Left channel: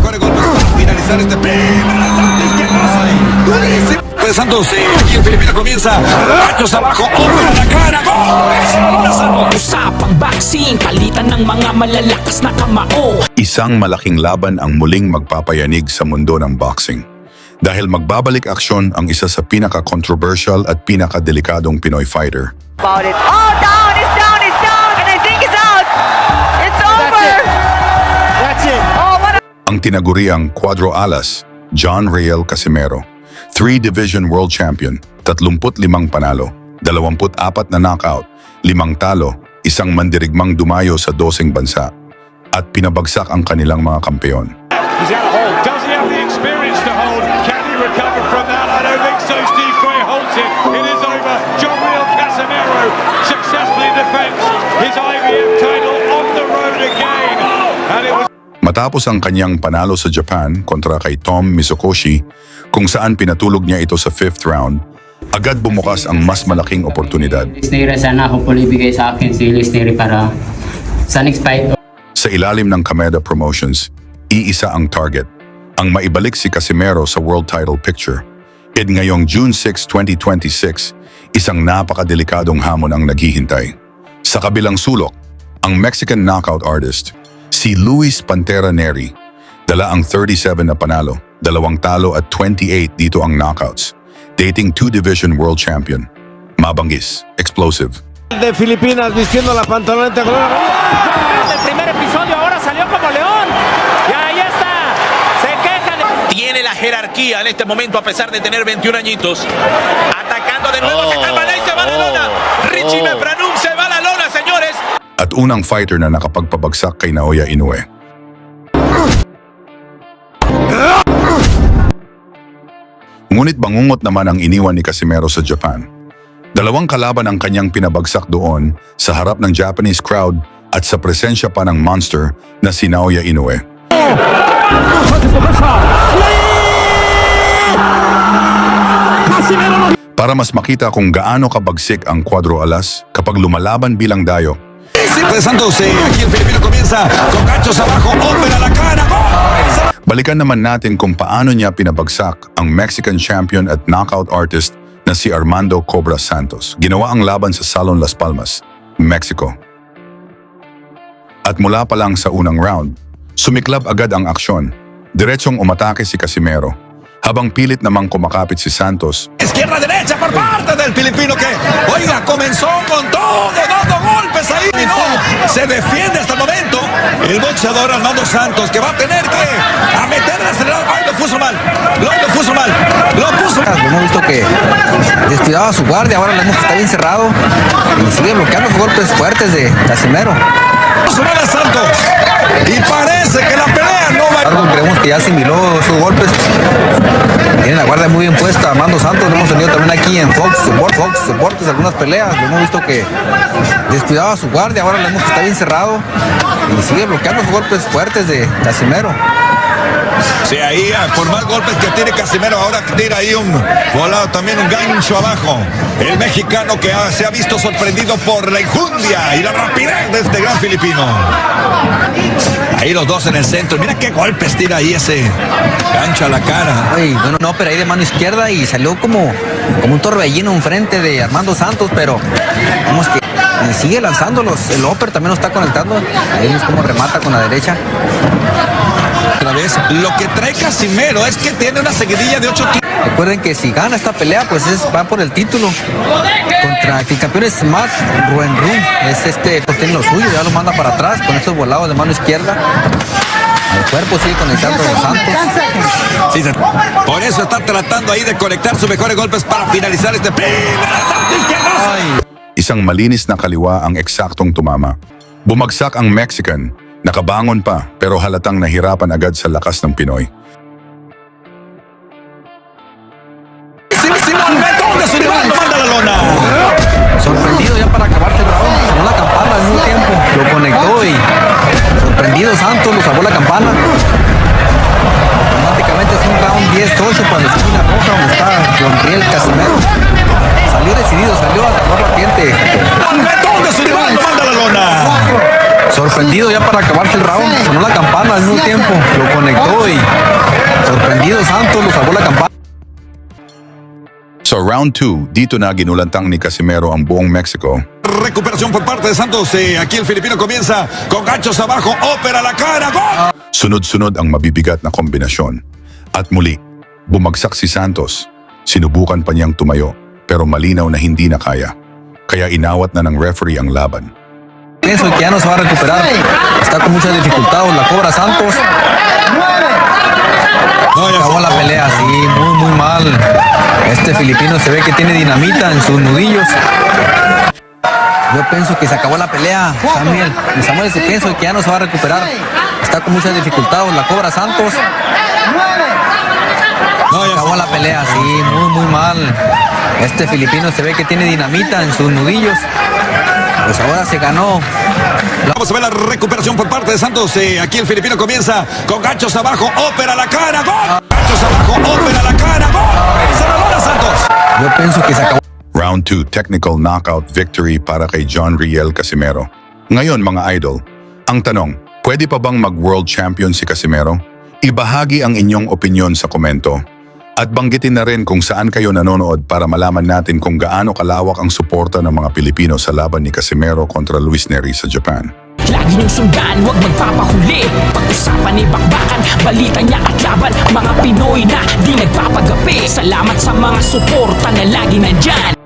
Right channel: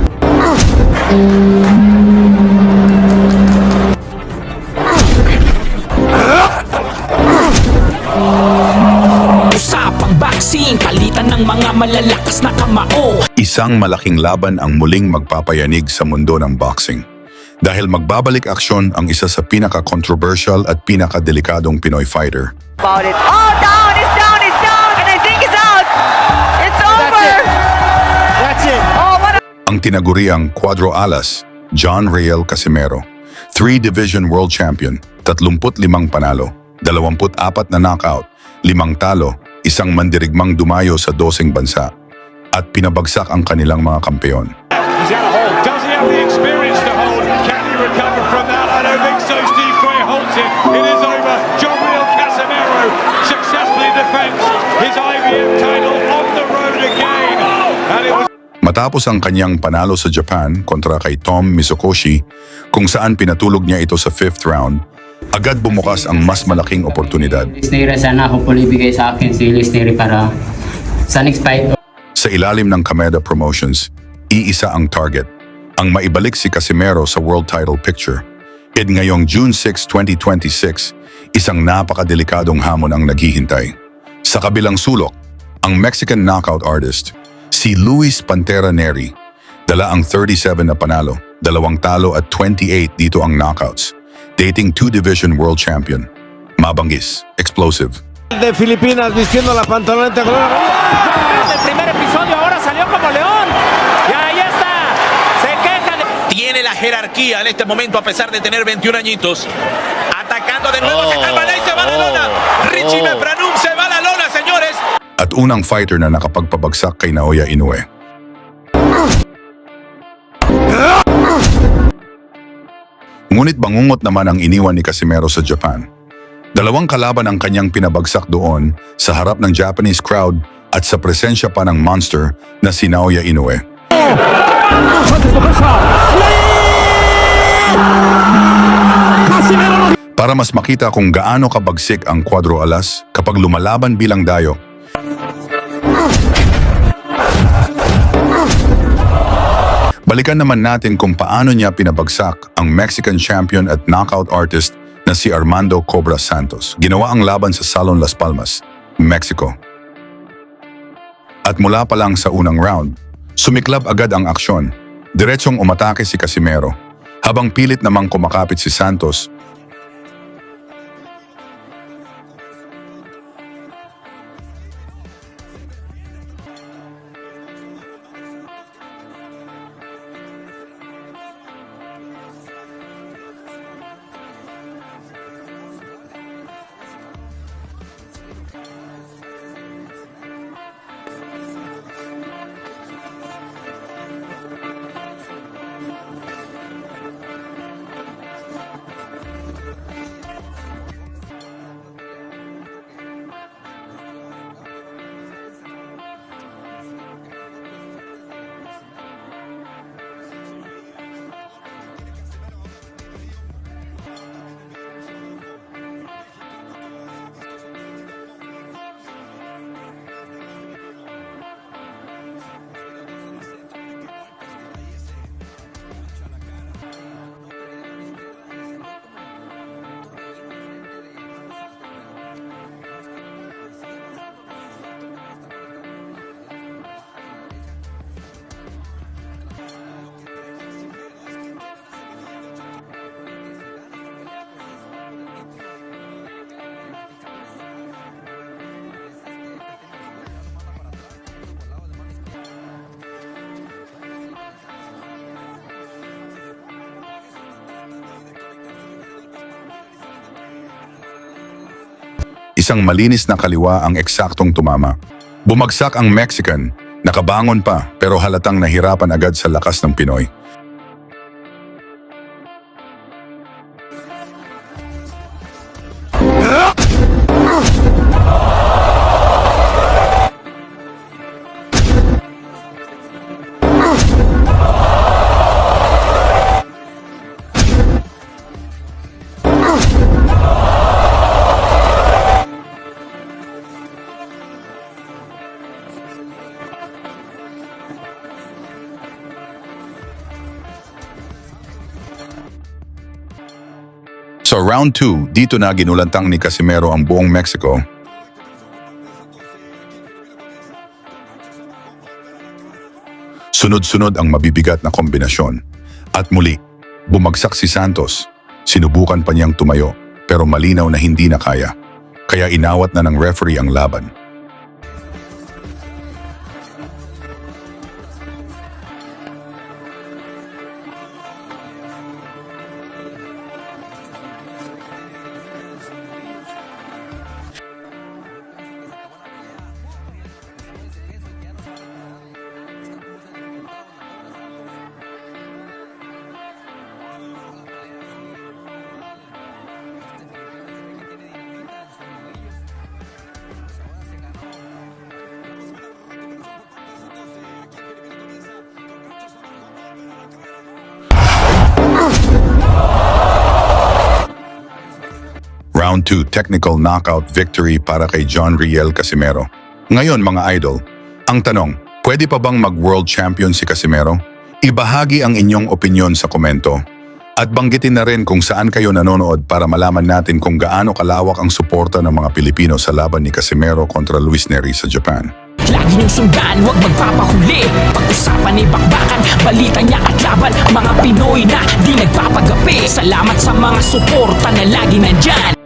mejores golpes para finalizar este pues Santos, aquí el Filipino comienza. Ganchos abajo, hombros a la cara. ¡Gol! Usapang boxing, palitan ng mga malalakas na kamao. Isang malaking laban ang muling magpapayanig sa mundo ng boxing. Dahil magbabalik aksyon ang isa sa pinaka-controversial at pinaka-delikadong Pinoy fighter. About it. Oh, down, it's down, it's down, and I think it's out. It's over. That's it. Oh, what a... Ang tinaguriang Cuadro Alas, John Riel Casimero. 3-division world champion, 35 panalo, 24 na knockout, 5 talo, isang mandirigmang dumayo sa 12 bansa, at pinabagsak ang kanilang mga kampeon. He's out of hold. Does he have the experience to hold? Can he recover from that? I don't think so. Steve Quay holds it. It is over. John Real Casimero successfully defends his IBF title on the road again. And it was Matapos ang kanyang panalo sa Japan kontra kay Tom Mizokoshi, kung saan pinatulog niya ito sa 5th round, agad bumukas ang mas malaking oportunidad. Listenary, sana ako po ibigay sa akin si Listenary para sa next fight. Sa ilalim ng Kameda Promotions, iisa ang target, ang maibalik si Casimero sa world title picture. At ngayong June 6, 2026, isang napakadelikadong hamon ang naghihintay. Sa kabilang sulok, ang Mexican knockout artist, si Luis Pantera Neri, dala ang 37 na panalo, 2 talo at 28 dito ang knockouts, dating 2-division world champion. Mabangis, explosive. de Filipinas vistiendo la pantaloneta color. El primer episodio ahora salió como león. Y ahí está. Se queja de... Tiene la jerarquía en este momento a pesar de tener 21 añitos. Atacando de nuevo, se calma y se va a la lona. Richie Mepranum se va a la lona, señores. At unang fighter na nakapagpabagsak kay Naoya Inoue. Ngunit bangungot naman ang iniwan ni Casimero sa Japan. 2 kalaban ang kanyang pinabagsak doon sa harap ng Japanese crowd at sa presensya pa ng monster na si Naoya Inoue. Para mas makita kung gaano kabagsik ang Cuadro Alas kapag lumalaban bilang dayo, Pues Santos, aquí el Filipino comienza con ganchos abajo, hombros a la cara. balikan naman natin kung paano niya pinabagsak ang Mexican champion at knockout artist na si Armando Cobra Santos. Ginawa ang laban sa Salon Las Palmas, Mexico. At mula pa lang sa unang round, sumiklab agad ang aksyon. Diretsong umatake si Casimero, habang pilit namang kumakapit si Santos. Izquierda-derecha por parte del Filipino que, oiga, comenzó con todo, dando golpes ahí, no, se defiende hasta el momento. El boxeador Armando Santos que va a tener que a meterle acelerado. Ay, lo puso mal, lo puso mal, lo puso mal. Hemos visto que descuidaba su guardia, ahora le hemos está bien cerrado y sigue bloqueando los golpes fuertes de Casimero. Puso mal a Santos y parece que la pelea no va a... Creemos que ya asimiló sus golpes. Tiene la guardia muy bien puesta, Armando Santos, lo hemos tenido también aquí en Fox Deportes, algunas peleas, lo hemos visto que descuidaba su guardia, ahora le hemos está bien cerrado y sigue bloqueando los golpes fuertes de Casimero. Sí, ahí por más golpes que tiene Casimero, ahora tira ahí un volado, también un gancho abajo. El mexicano que se ha visto sorprendido por la enjundia y la rapidez de este gran filipino. Ahí los dos en el centro, mira qué golpes tira ahí ese gancho a la cara. Ay, no, pero ahí de mano izquierda y salió como un torbellino enfrente de Armando Santos, pero vemos que y sigue lanzándolos, el upper también lo está conectando, ahí es como remata con la derecha. Otra vez, lo que trae Casimero es que tiene una seguidilla de 8 tiros. Recuerden que si gana esta pelea, pues va por el título. Contra el campeón es Matt Ruenrum. Pues tiene lo suyo, ya lo manda para atrás con esos volados de mano izquierda. El cuerpo sigue conectando a los Santos. Sí, por eso está tratando ahí de conectar sus mejores golpes para finalizar este primer asalto izquierdazo. Isang malinis na kaliwa ang eksaktong tumama. Bumagsak ang Mexican, nakabangon pa pero halatang nahirapan agad sa lakas ng Pinoy. Simón, Betón de su rival, lo manda a la lona. Sorprendido ya para acabarse los puntos, sacó la campana al mismo tiempo, lo conectó y sorprendido Santos, lo salvó la campana. Automáticamente es un round 10-8 para la esquina roja donde está John Riel Casimero. Salió decidido, salió ardiente. Betón de su rival, lo manda a la lona. sorprendido ya para acabarse el round. Sonó la campana al mismo tiempo, lo conectó y sorprendido Santos, lo salvó la campana. So round 2, dito na ginulantang ni Casimero ang buong Mexico. Recuperación por parte de Santos. Aquí el filipino comienza con ganchos abajo. Ópera la cara. ¡Gol! Sunod-sunod ang mabibigat na kombinasyon. At muli, bumagsak si Santos. Sinubukan pa niyang tumayo, pero malinaw na hindi na kaya. Kaya inawat na ng referee ang laban. Pienso que ya no se va a recuperar. Está con mucha dificultad, la cobra Santos. Acabó la pelea, sí, muy mal. Este filipino se ve que tiene dinamita en sus nudillos. Yo pienso que se acabó la pelea, Samuel. Samuel, pienso que ya no se va a recuperar. Está con mucha dificultad, la cobra Santos. Acabó la pelea, sí, muy mal. Este filipino se ve que tiene dinamita en sus nudillos. Pues ahora se ganó. Vamos a ver la recuperación por parte de Santos. Aquí el filipino comienza con ganchos abajo. Ópera la cara. ¡Gol! Ganchos abajo. Ópera la cara. ¡Gol! Se lo da Santos. Yo pienso que se acabó. Round 2, technical knockout victory para kay John Riel Casimero. Ngayon mga idol, ang tanong, pwede pa bang mag-world champion si Casimero? Ibahagi ang inyong opinyon sa komento. At banggitin na rin kung saan kayo nanonood para malaman natin kung gaano kalawak ang suporta ng mga Pilipino sa laban ni Casimero kontra Luis Neri sa Japan. Lagi niyong sundan, huwag magpapahuli. Pag-usapan ni bakbakan, balita niya at laban. Mga Pinoy na di nagpapagapi. Salamat sa mga suporta na lagi nandyan.